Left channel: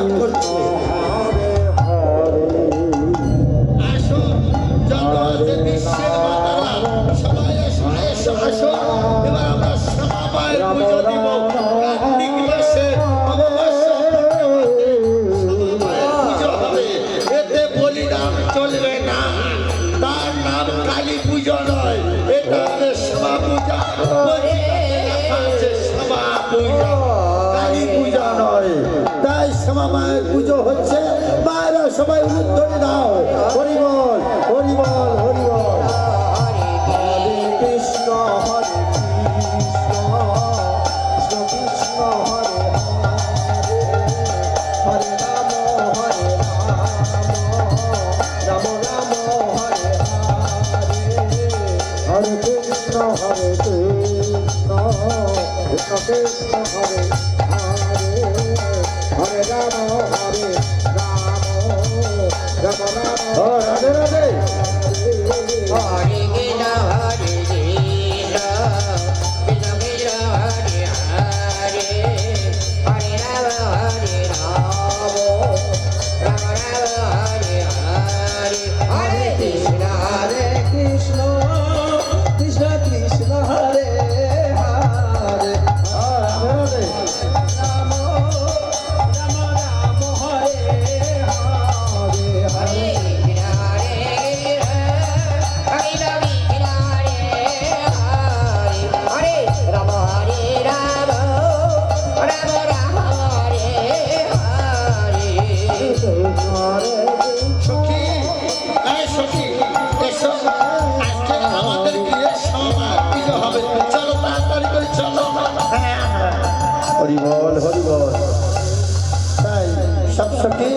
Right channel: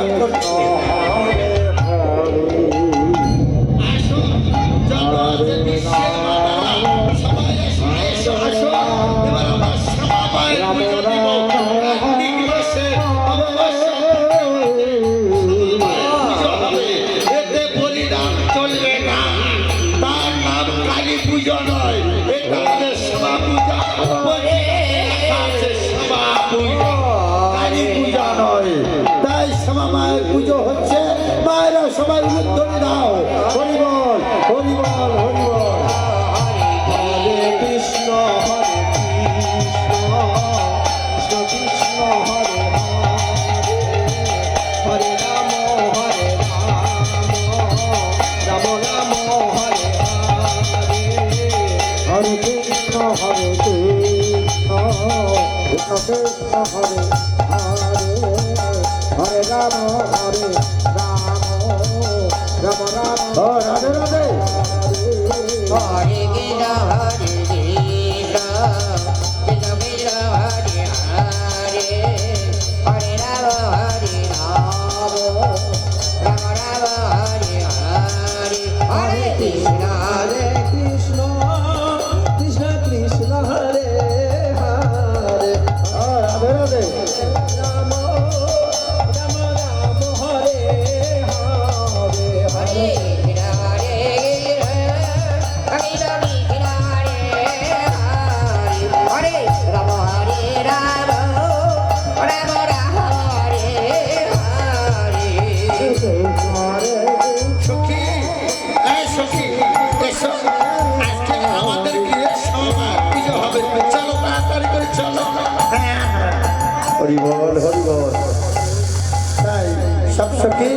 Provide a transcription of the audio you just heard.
পুষ্প কৃষ্ণ হরিবল হরিবল। তাই সব সখী।